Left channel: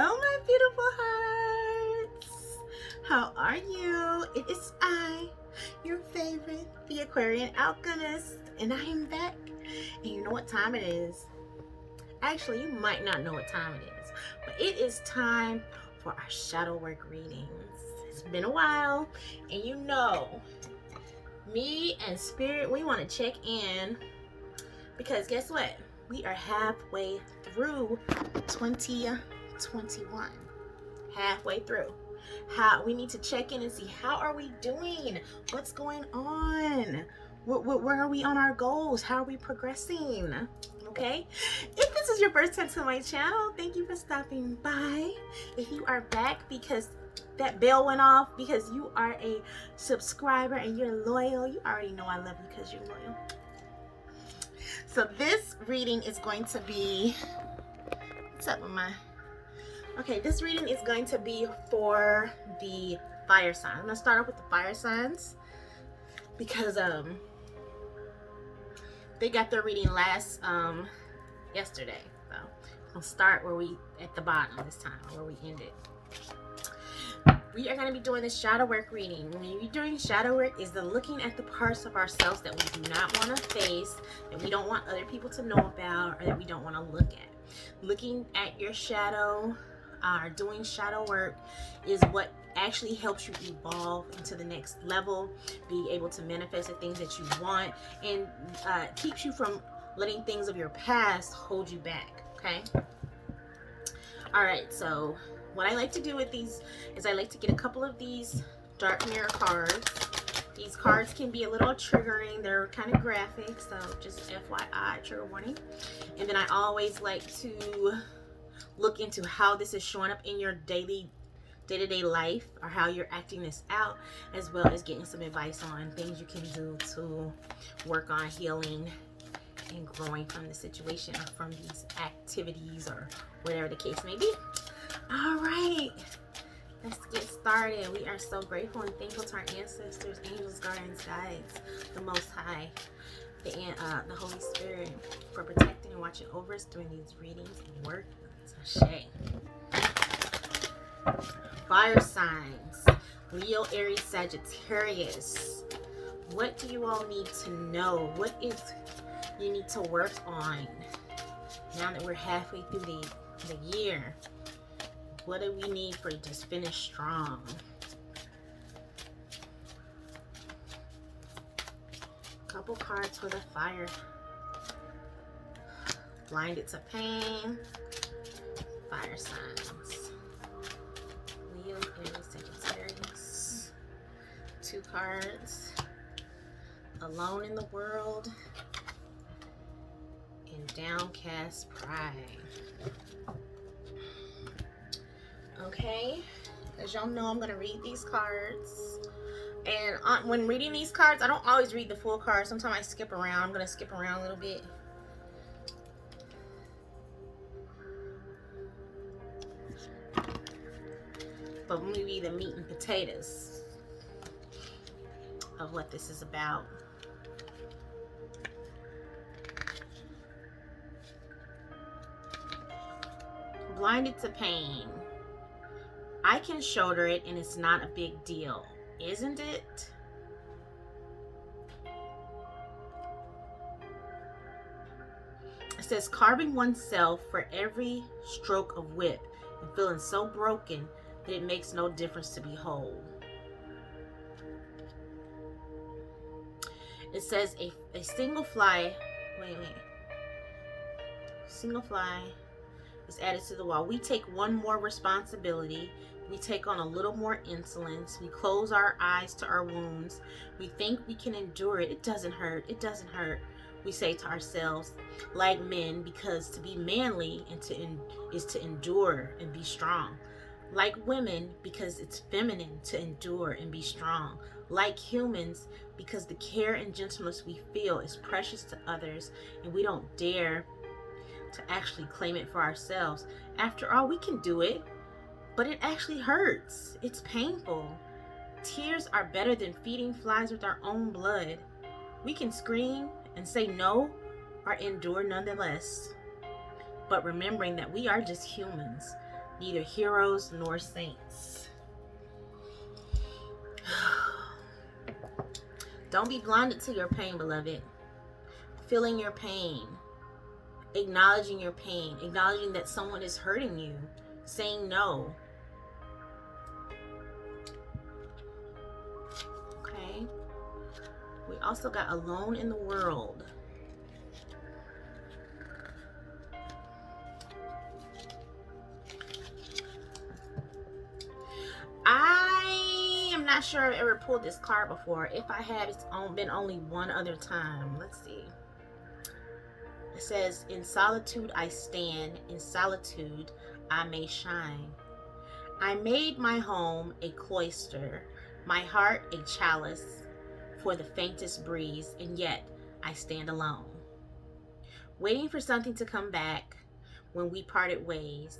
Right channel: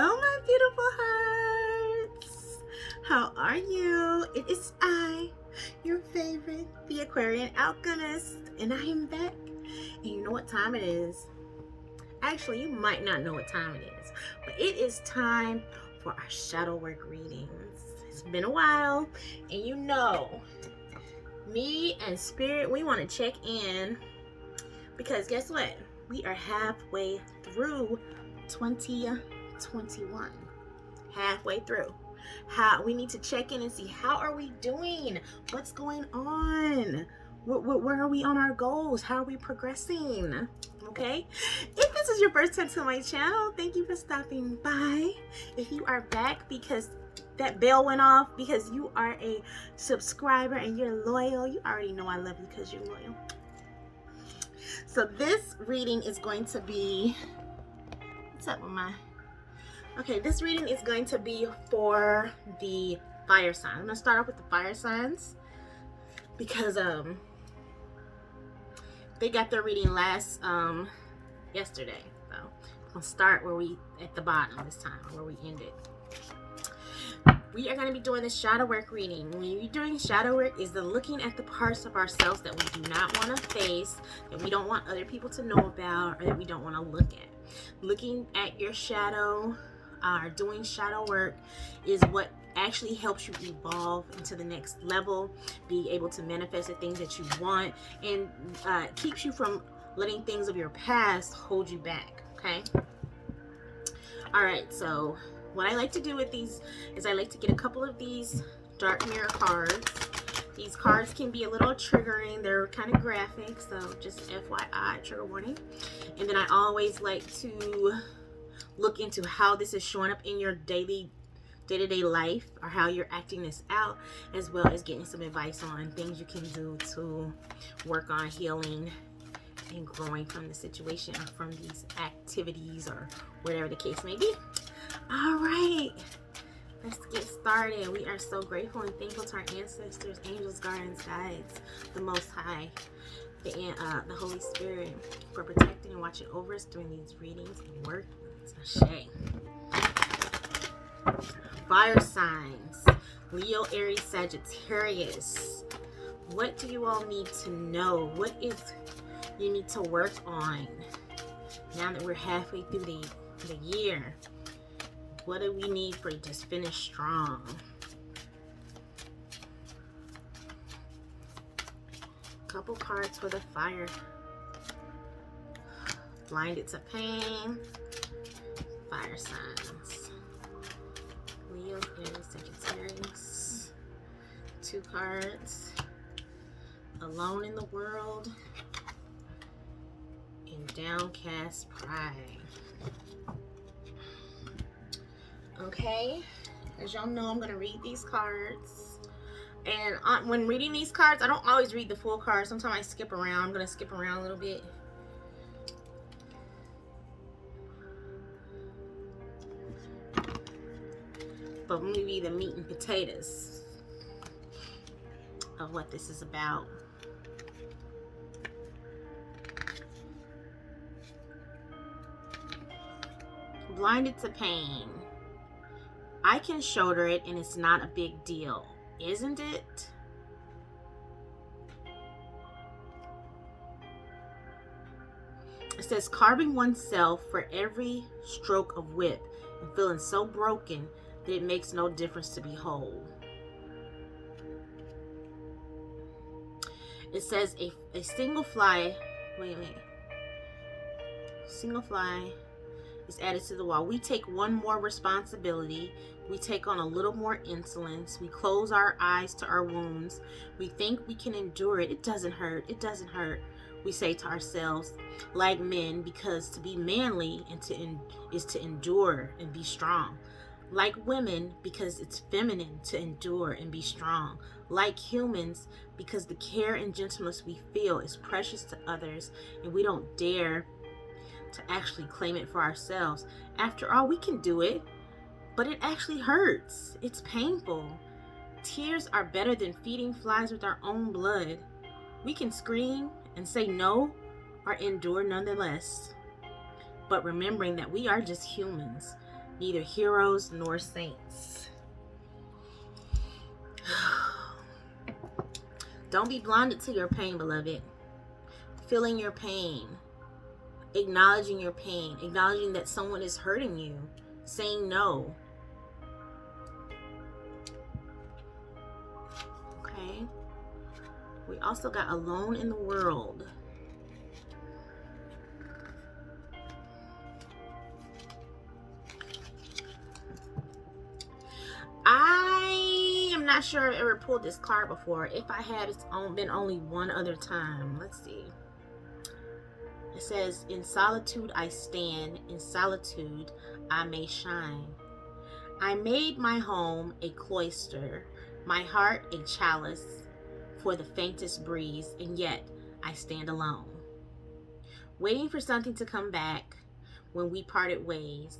Hello, my beautiful hearts. How are you? It is I, your favorite, the Aquarian Alchemist, and I am back. And you know what time it is? Actually, you might not know what time it is, but it is time for our shadow work readings. It's been a while, and you know, me and Spirit, we want to check in because guess what? We are halfway through 2021. Halfway through. We need to check in and see how are we doing? What's going on? Where are we on our goals? How are we progressing? Okay. If this is your first time to my channel, thank you for stopping by. If you are back because that bell went off because you are a subscriber and you're loyal, you already know I love you because you're loyal. So this reading is going to be, what's up with my, okay, this reading is going to be for the fire sign. I'm going to start off with the fire signs because they got their reading yesterday. So I'll start where we, at the bottom this time, where we ended. We are going to be doing the shadow work reading. When you're doing shadow work is the looking at the parts of ourselves that we do not want to face, that we don't want other people to know about, or that we don't want to look at. Looking at your shadow, doing shadow work is what actually helps you evolve into the next level, be able to manifest the things that you want, and keeps you from letting things of your past hold you back, okay? All right, so what I like to do with these is I like to get a couple of these dark mirror cards. These cards can be a little triggering. They're kind of graphic, so just FYI, trigger warning. And then I always like to look into how this is showing up in your day-to-day life, or how you're acting this out, as well as getting some advice on things you can do to work on healing and growing from the situation, or from these activities, or whatever the case may be. All right, let's get started. We are so grateful and thankful to our ancestors, angels, guardians, guides, the Most High, the Holy Spirit, for protecting and watching over us during these readings and work. Sashay. Fire signs, Leo, Aries, Sagittarius. What do you all need to know? What is you need to work on now that we're halfway through the year? What do we need for you to finish strong? Couple cards for the fire. Blinded to pain. Fire signs. Leo, Aries, Sagittarius. 2 cards. Alone in the world. And downcast pride. Okay, as y'all know, I'm going to read these cards. And when reading these cards, I don't always read the full card. Sometimes I skip around. I'm going to skip around a little bit. But maybe the meat and potatoes of what this is about. Blinded to pain. I can shoulder it and it's not a big deal, isn't it? It says carving oneself for every stroke of whip and feeling so broken that it makes no difference to be whole. It says a single fly, single fly is added to the wall. We take one more responsibility. We take on a little more insolence. We close our eyes to our wounds. We think we can endure it. It doesn't hurt. It doesn't hurt. We say to ourselves, like men, because to be manly is to endure and be strong. Like women, because it's feminine to endure and be strong. Like humans, because the care and gentleness we feel is precious to others, and we don't dare to actually claim it for ourselves. After all, we can do it, but it actually hurts. It's painful. Tears are better than feeding flies with our own blood. We can scream and say no, or endure nonetheless. But remembering that we are just humans, neither heroes nor saints. Don't be blinded to your pain, beloved. Feeling your pain, acknowledging your pain, acknowledging that someone is hurting you, saying no. Okay. We also got alone in the world. I am not sure I've ever pulled this card before. If I have, it's been only one other time. Let's see. It says, in solitude I stand, in solitude I may shine. I made my home a cloister, my heart a chalice for the faintest breeze, and yet I stand alone. Waiting for something to come back when we parted ways.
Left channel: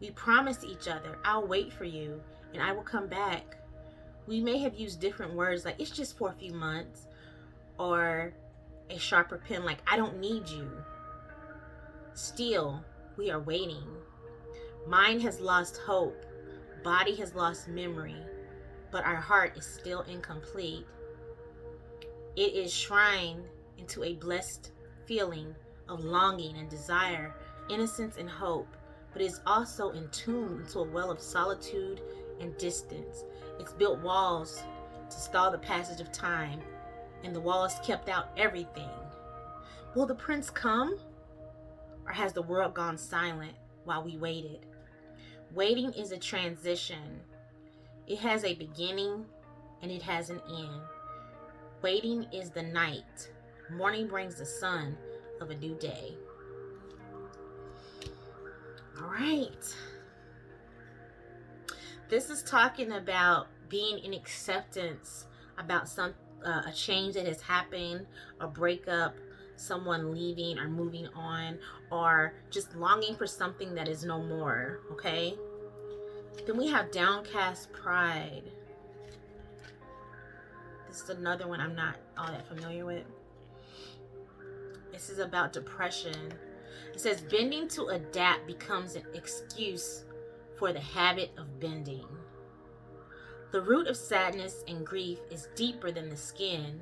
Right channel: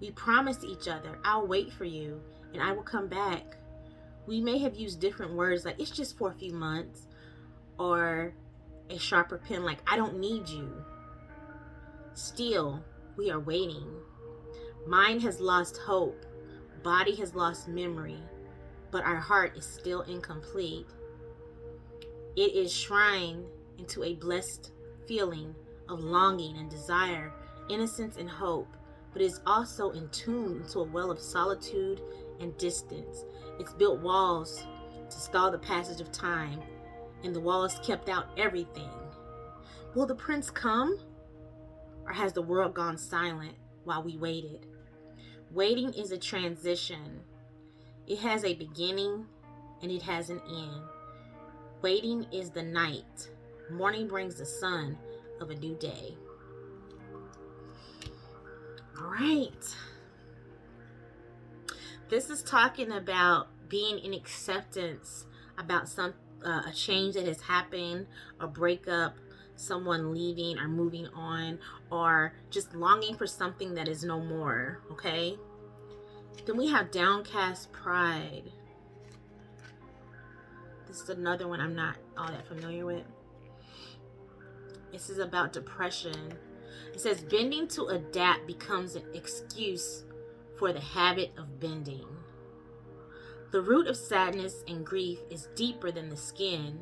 We promised each other, I'll wait for you and I will come back. We may have used different words like, it's just for a few months, or a sharper pen like, I don't need you. Still, we are waiting. Mind has lost hope. Body has lost memory. But our heart is still incomplete. It is shrined into a blessed feeling of longing and desire, innocence and hope, but is also entombed into a well of solitude and distance. It's built walls to stall the passage of time, and the walls kept out everything. Will the prince come? Or has the world gone silent while we waited? Waiting is a transition. It has a beginning and it has an end. Waiting is the night. Morning brings the sun of a new day. All right. This is talking about being in acceptance about a change that has happened, a breakup, someone leaving or moving on, or just longing for something that is no more. Okay. Then we have downcast pride. This is another one I'm not all that familiar with. This is about depression. It says bending to adapt becomes an excuse for the habit of bending. The root of sadness and grief is deeper than the skin.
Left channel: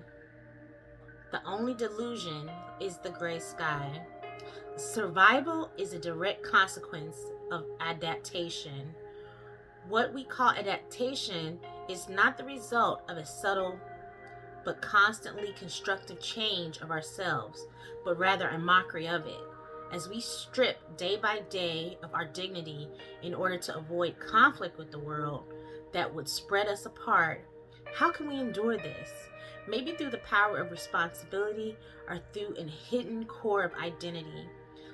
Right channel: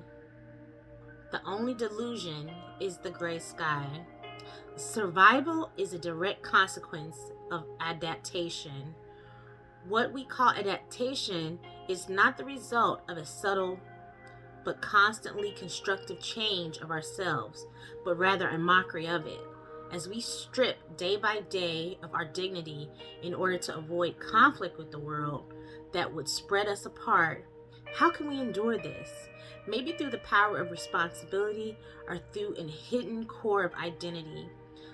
The only delusion is the gray sky. Survival is a direct consequence of adaptation. What we call adaptation is not the result of a subtle but constantly constructive change of ourselves, but rather a mockery of it. As we strip day by day of our dignity in order to avoid conflict with the world that would spread us apart, how can we endure this? Maybe through the power of responsibility or through a hidden core of identity.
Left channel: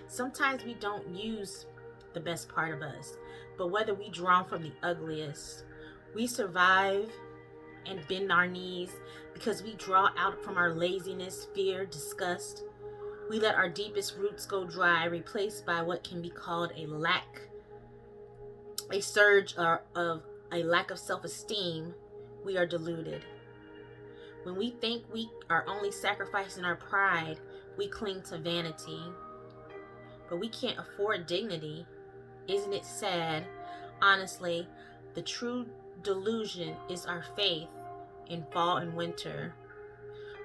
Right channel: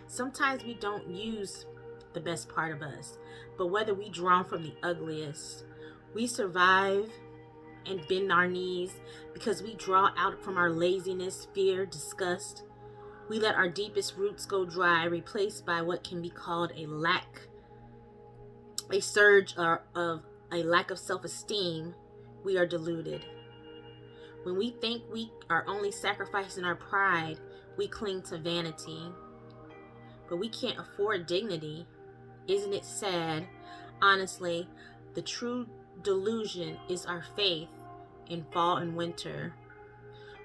Sometimes we don't use the best part of us, but whether we draw from the ugliest, we survive and bend our knees because we draw out from our laziness, fear, disgust. We let our deepest roots go dry, replaced by what can be called a surge of a lack of self-esteem. We are deluded. When we think we are only sacrificing our pride, we cling to vanity. But we can't afford dignity. Isn't it sad? Honestly, the true delusion is our faith in fall and winter.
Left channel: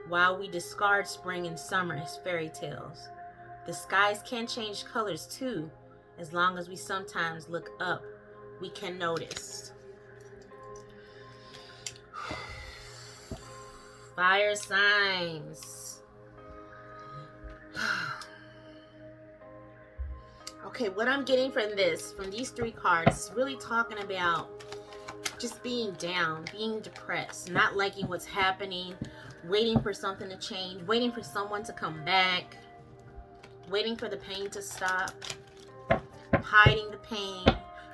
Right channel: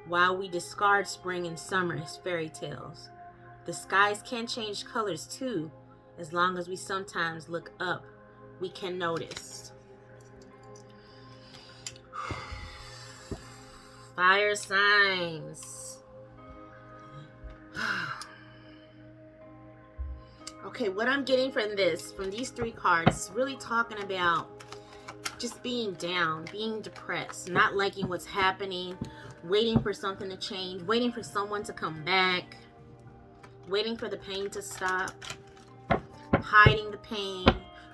While we discard spring and summer as fairy tales, the skies can change colors too. As long as we sometimes look up, we can notice. Fire signs. Okay, what I'm getting from these three cards, is really talking about just being down, being depressed, not liking what's happening, waiting for something to change, waiting for someone to come back, waiting for the pain to stop, hiding the pain,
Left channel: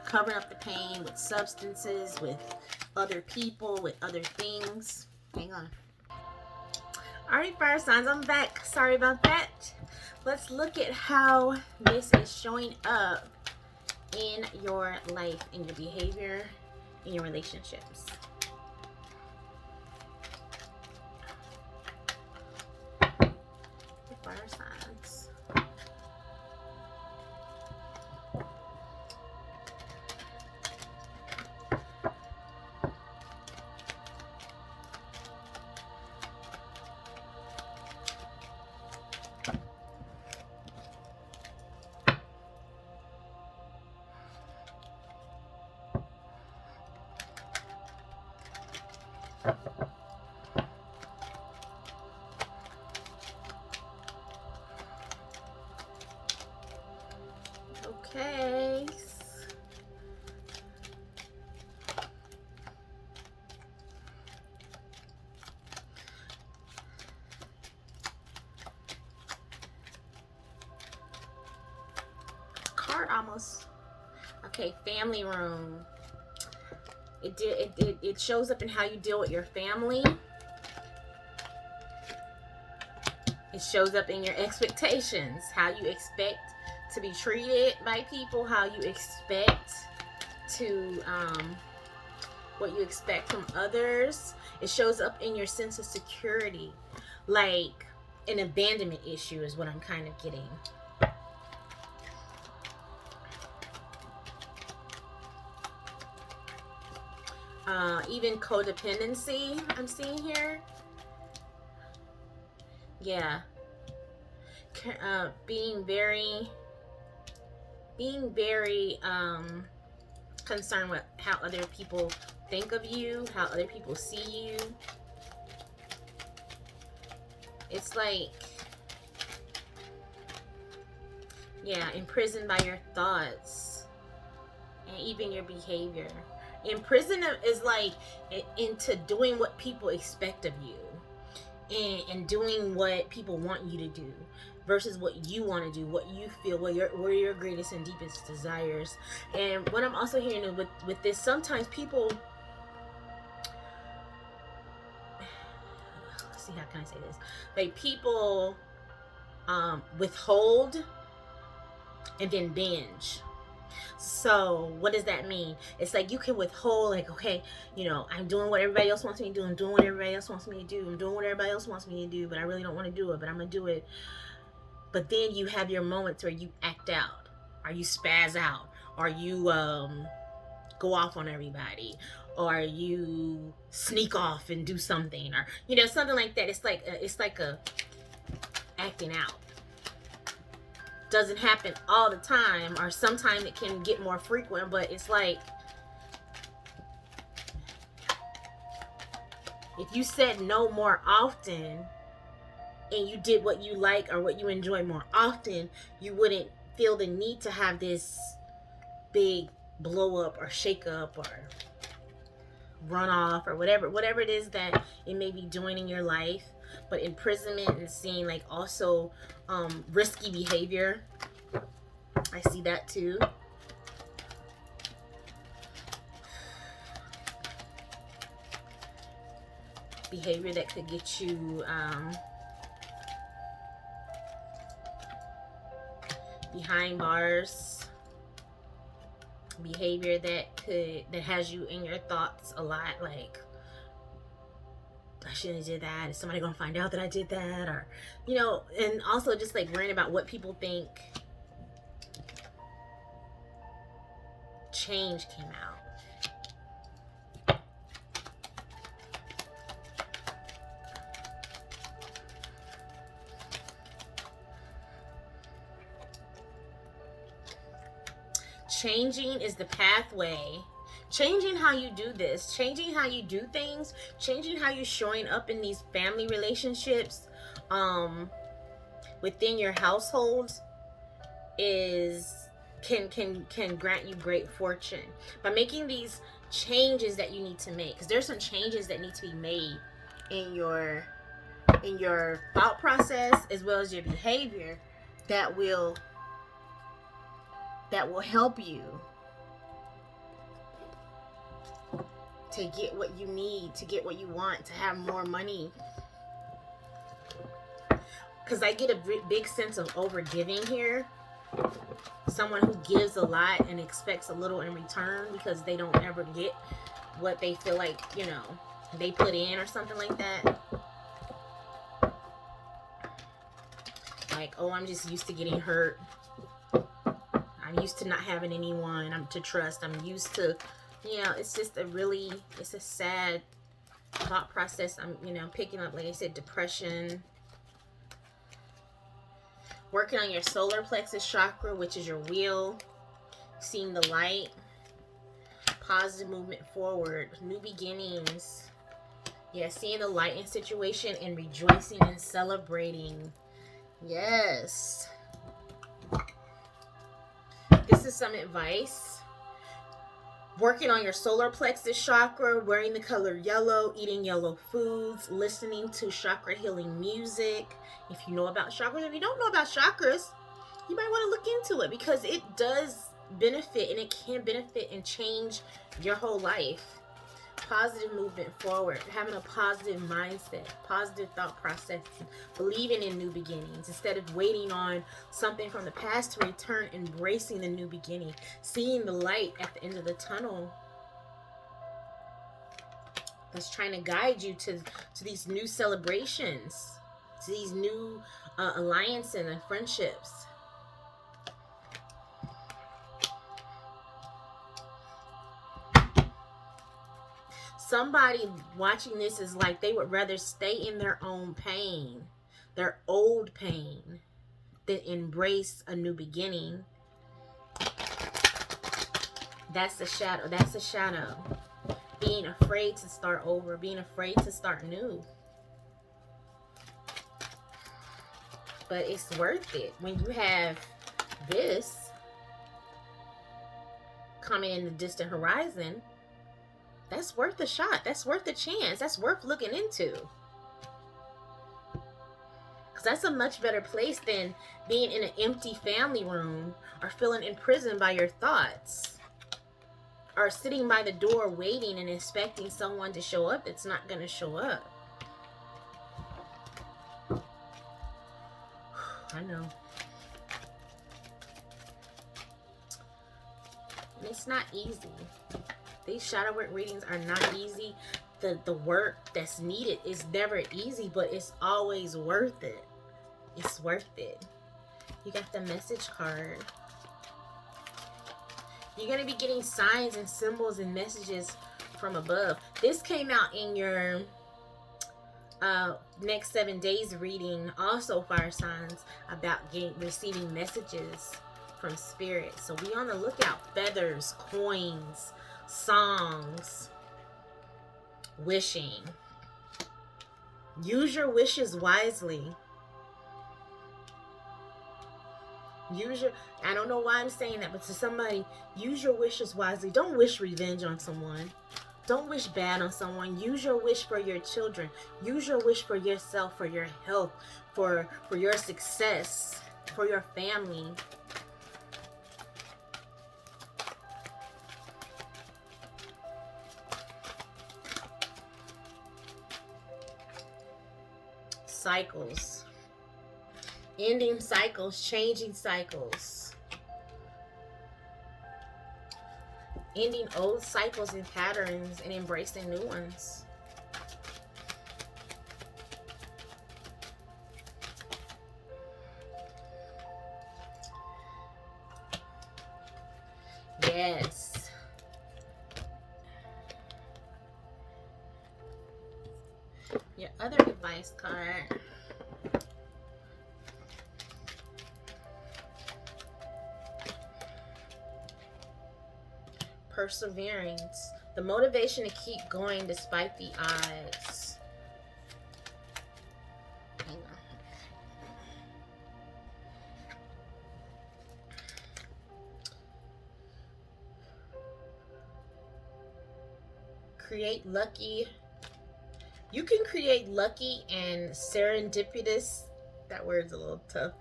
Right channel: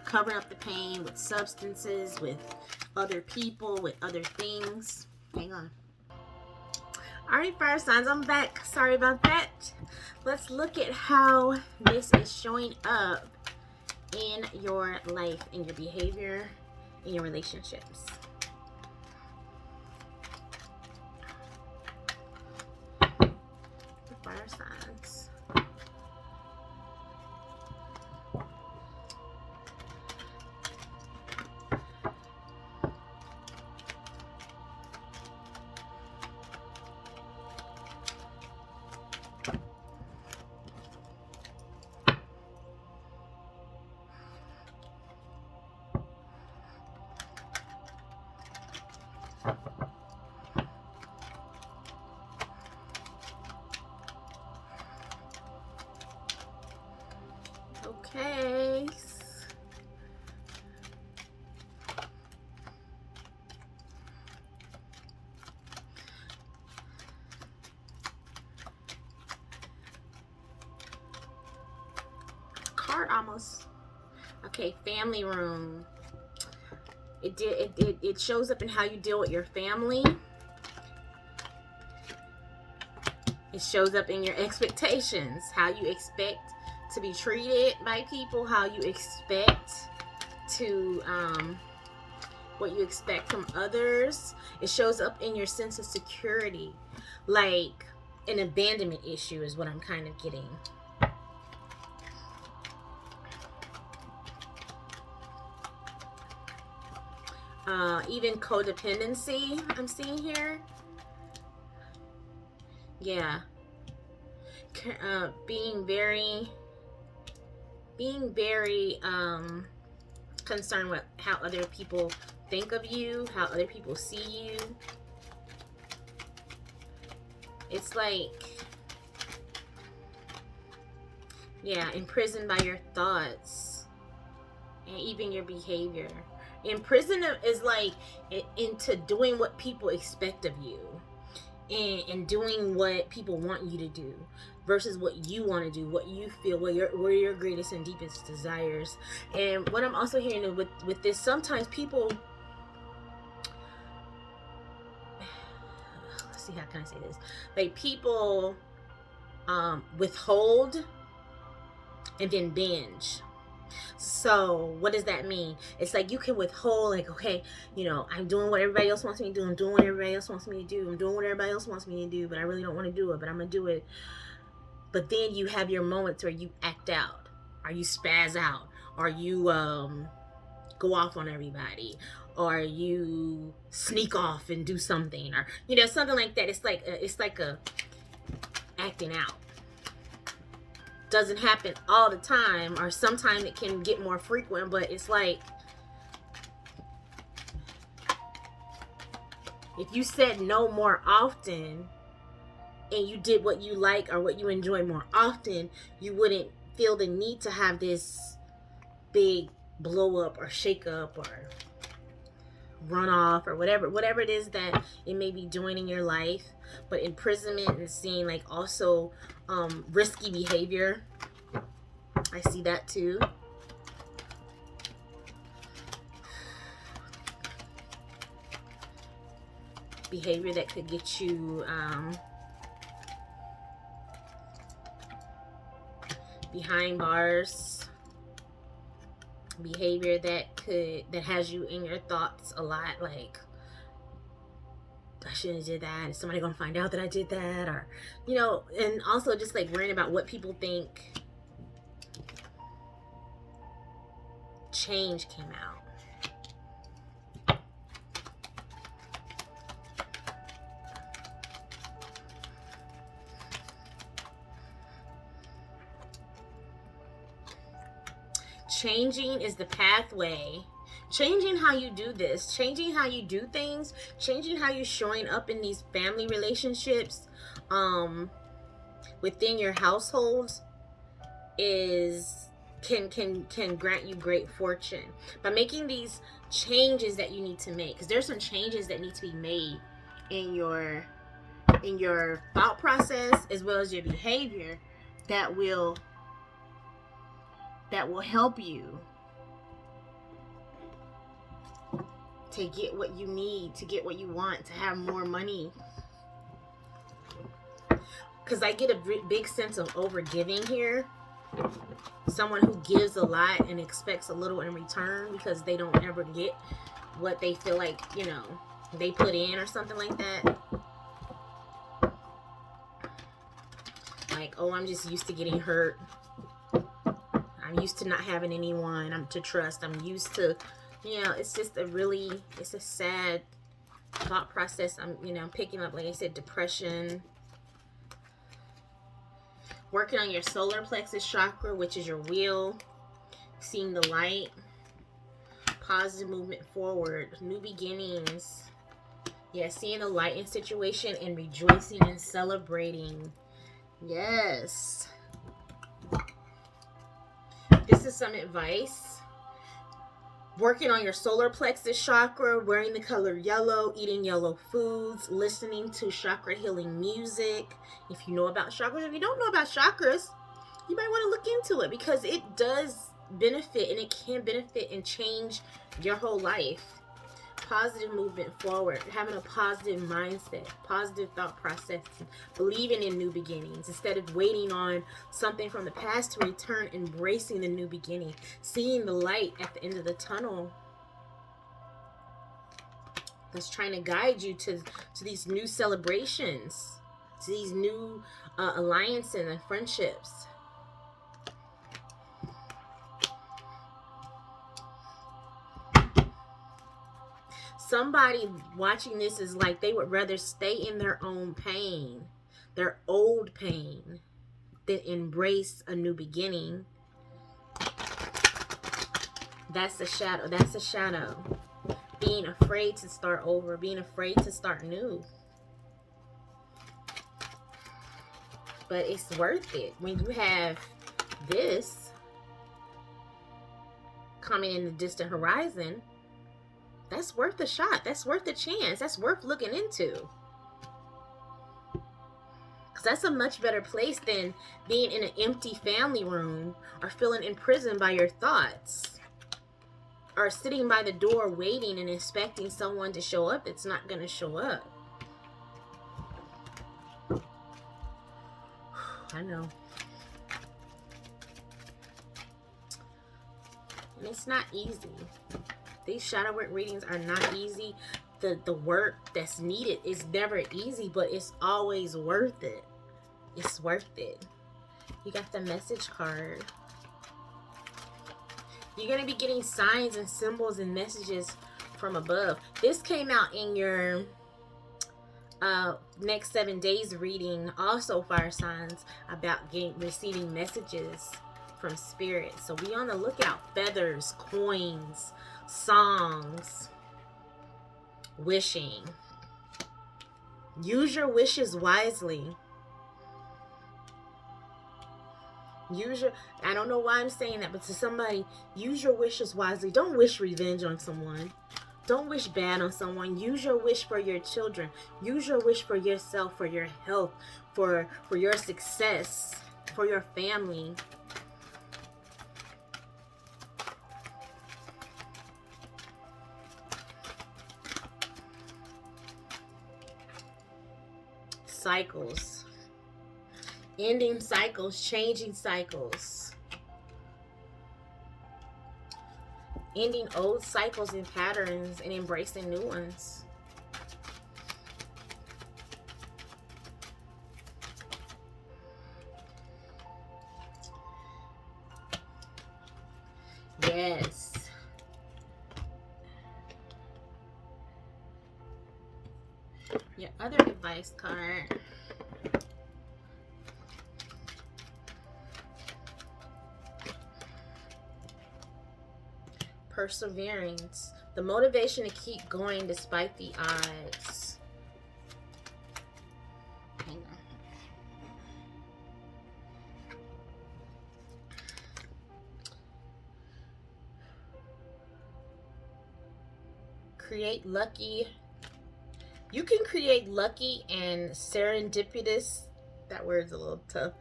covering up the pain with substances, with other people, with other things. Hang on. All right, fire signs, I'm back. Sorry about that. Let's look at how this is showing up in your life, in your behavior, in your relationships. The fire signs. Okay. Card almost. Okay, family room. It shows up in how you deal with your family. It shows up in your expectations, how you expect to be treated by people, how you expect to, what you expect from others. It shows up in your sense of security, like an abandonment issue is what I'm kind of getting. Even codependency I'm seeing here. Yeah. Being very concerned with how other people think of you, how other people see you. It's like, yeah, imprisoned by your thoughts and even your behavior. Imprisonment is like into doing what people expect of you, and doing what people want you to do versus what you want to do, what you feel, what your greatest and deepest desires. And what I'm also hearing with this, sometimes people, let's see, how can I say this? Like, people withhold and then binge. So what does that mean? It's like you can withhold, like, okay, you know, I'm doing what everybody else wants me to do. I'm doing what everybody else wants me to do. I'm doing what everybody else wants me to do, but I really don't want to do it, but I'm going to do it. But then you have your moments where you act out, or you spaz out, or you go off on everybody, or you sneak off and do something, or, you know, something like that. It's like a acting out. Doesn't happen all the time, or sometimes it can get more frequent, but it's like, if you said no more often and you did what you like or what you enjoy more often, you wouldn't feel the need to have this big blow up or shake up or run off or whatever it is that it may be doing in your life. But imprisonment is seeing like also risky behavior. I see that too. Behavior that could get you behind bars. Behavior that has you in your thoughts a lot, like, I shouldn't have did that. Is somebody gonna find out that I did that? Or, you know, and also just like worrying about what people think. Change came out. Changing is the pathway. Changing how you do this, changing how you do things, changing how you're showing up in these family relationships, within your households, can grant you great fortune by making these changes that you need to make. Because there's some changes that need to be made in your thought process as well as your behavior that will help you to get what you need, to get what you want, to have more money. Because I get a big sense of overgiving here. Someone who gives a lot and expects a little in return because they don't ever get what they feel like, you know, they put in or something like that. Like, oh, I'm just used to getting hurt. I'm used to not having anyone to trust. I'm used to, you know, it's just it's a sad thought process. I'm, you know, picking up, like I said, depression. Working on your solar plexus chakra, which is your wheel. Seeing the light. Positive movement forward. New beginnings. Yeah, seeing the light in situation and rejoicing and celebrating. Yes. This is some advice. Working on your solar plexus chakra, wearing the color yellow, eating yellow foods, listening to chakra healing music. If you know about chakras, if you don't know about chakras, you might want to look into it because it does benefit, and it can benefit and change your whole life. Positive movement forward, having a positive mindset, positive thought process, believing in new beginnings instead of waiting on something from the past to return, embracing the new beginning, seeing the light at the end of the tunnel that's trying to guide you to these new celebrations, to these new alliances and friendships. Somebody watching this is like they would rather stay in their own pain, their old pain, than embrace a new beginning. That's a shadow. That's a shadow. Being afraid to start over, being afraid to start new. But it's worth it when you have this coming in the distant horizon. That's worth a shot. That's worth a chance. That's worth looking into. Because that's a much better place than being in an empty family room or feeling imprisoned by your thoughts. Or sitting by the door waiting and expecting someone to show up that's not going to show up. I know. And it's not easy. These shadow work readings are not easy. The work that's needed is never easy, but it's always worth it. It's worth it. You got the message card. You're going to be getting signs and symbols and messages from above. This came out in your next 7 days reading, also fire signs, about receiving messages from spirit. So be on the lookout. Feathers, coins, songs, wishing. Use your wishes wisely. I don't know why I'm saying that, but to somebody, use your wishes wisely. Don't wish revenge on someone. Don't wish bad on someone. Use your wish for your children. Use your wish for yourself, for your health, for your success, for your family. Cycles. Ending cycles, changing cycles. Ending old cycles and patterns and embracing new ones. Yes. Your other advice card. Perseverance. The motivation to keep going despite the odds. Hang on. Create lucky. You can create lucky and serendipitous. That word's a little tough.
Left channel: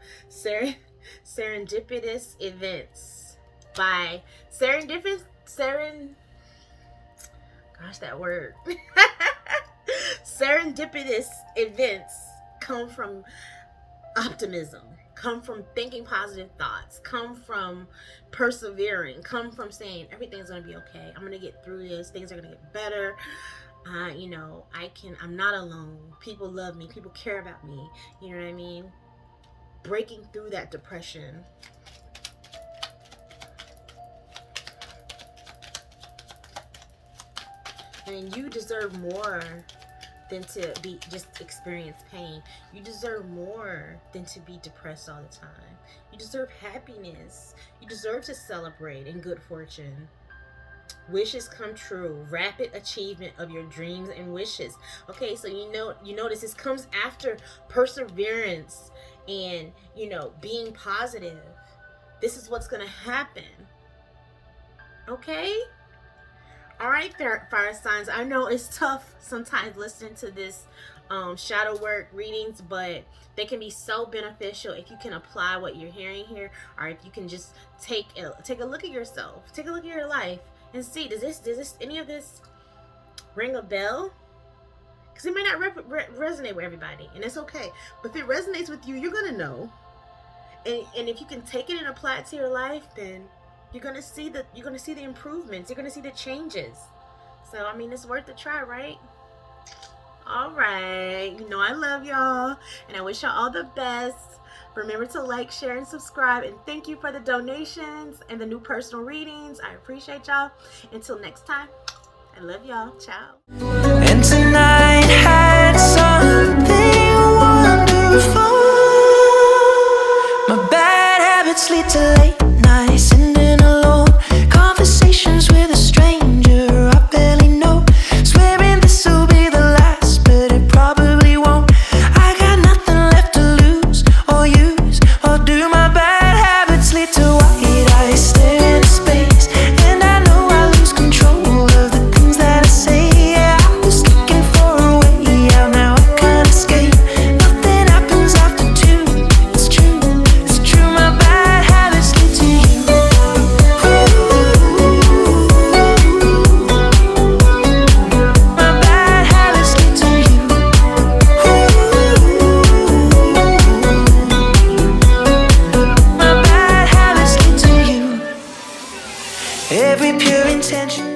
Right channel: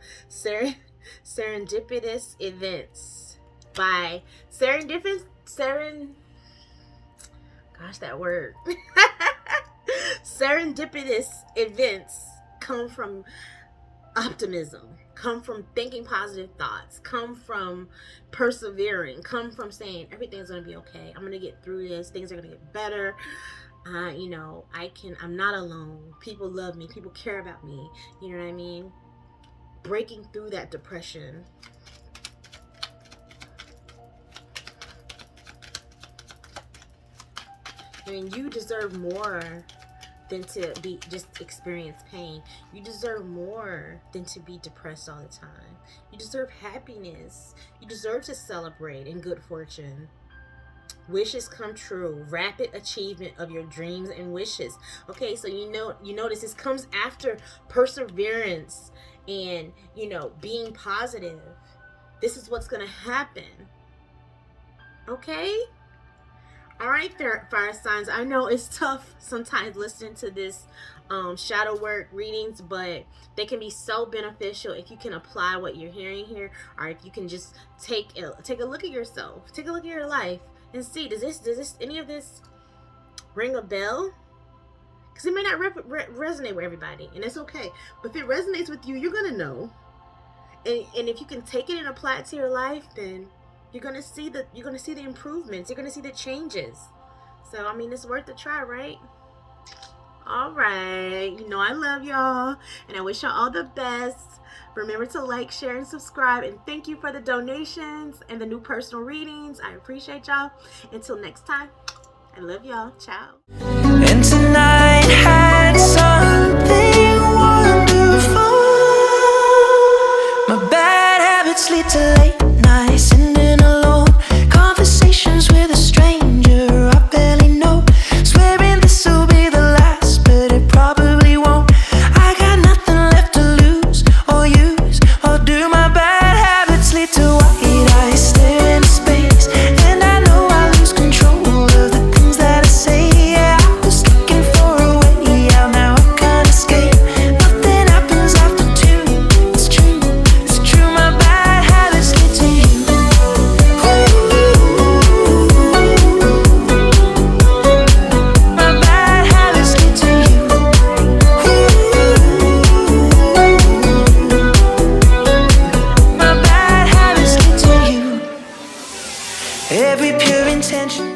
Serendipitous events by gosh, that word. Serendipitous events come from optimism, come from thinking positive thoughts, come from persevering, come from saying everything's going to be okay. I'm going to get through this. Things are going to get better. You know, I'm not alone. People love me. People care about me. You know what I mean? Breaking through that depression. And you deserve more than to be just experience pain. You deserve more than to be depressed all the time. You deserve happiness. You deserve to celebrate in good fortune. wishes come true, rapid achievement of your dreams and wishes. Okay, so you notice this comes after perseverance and being positive. This is what's gonna happen. Okay. All right, fire signs. I know it's tough sometimes listening to this shadow work readings, but they can be so beneficial if you can apply what you're hearing here, or if you can just take a look at yourself, take a look at your life, and see, does any of this ring a bell? Because it may not resonate with everybody, and it's okay. But if it resonates with you, you're gonna know. And if you can take it and apply it to your life, then you're gonna see the improvements. You're gonna see the changes. So I mean, it's worth a try, right? All right. I love y'all, and I wish y'all all the best. Remember to like, share, and subscribe. And thank you for the donations and the new personal readings. I appreciate y'all. Until next time, I love y'all. Ciao. And tonight had something wonderful. My bad habits lead to late nights, sitting alone, conversations with a stranger I barely know, swearing this will be the last, but it probably won't. I got nothing left to lose or use or do. My bad habits lead to white eyes staring into space, and I know I lose control of the things that I say. Yeah, I was looking for a way out, now I can't escape. Nothing happens after two. It's true, it's true. My bad habits lead to you. My bad habits lead to you. My bad habits lead to you. Every pure intention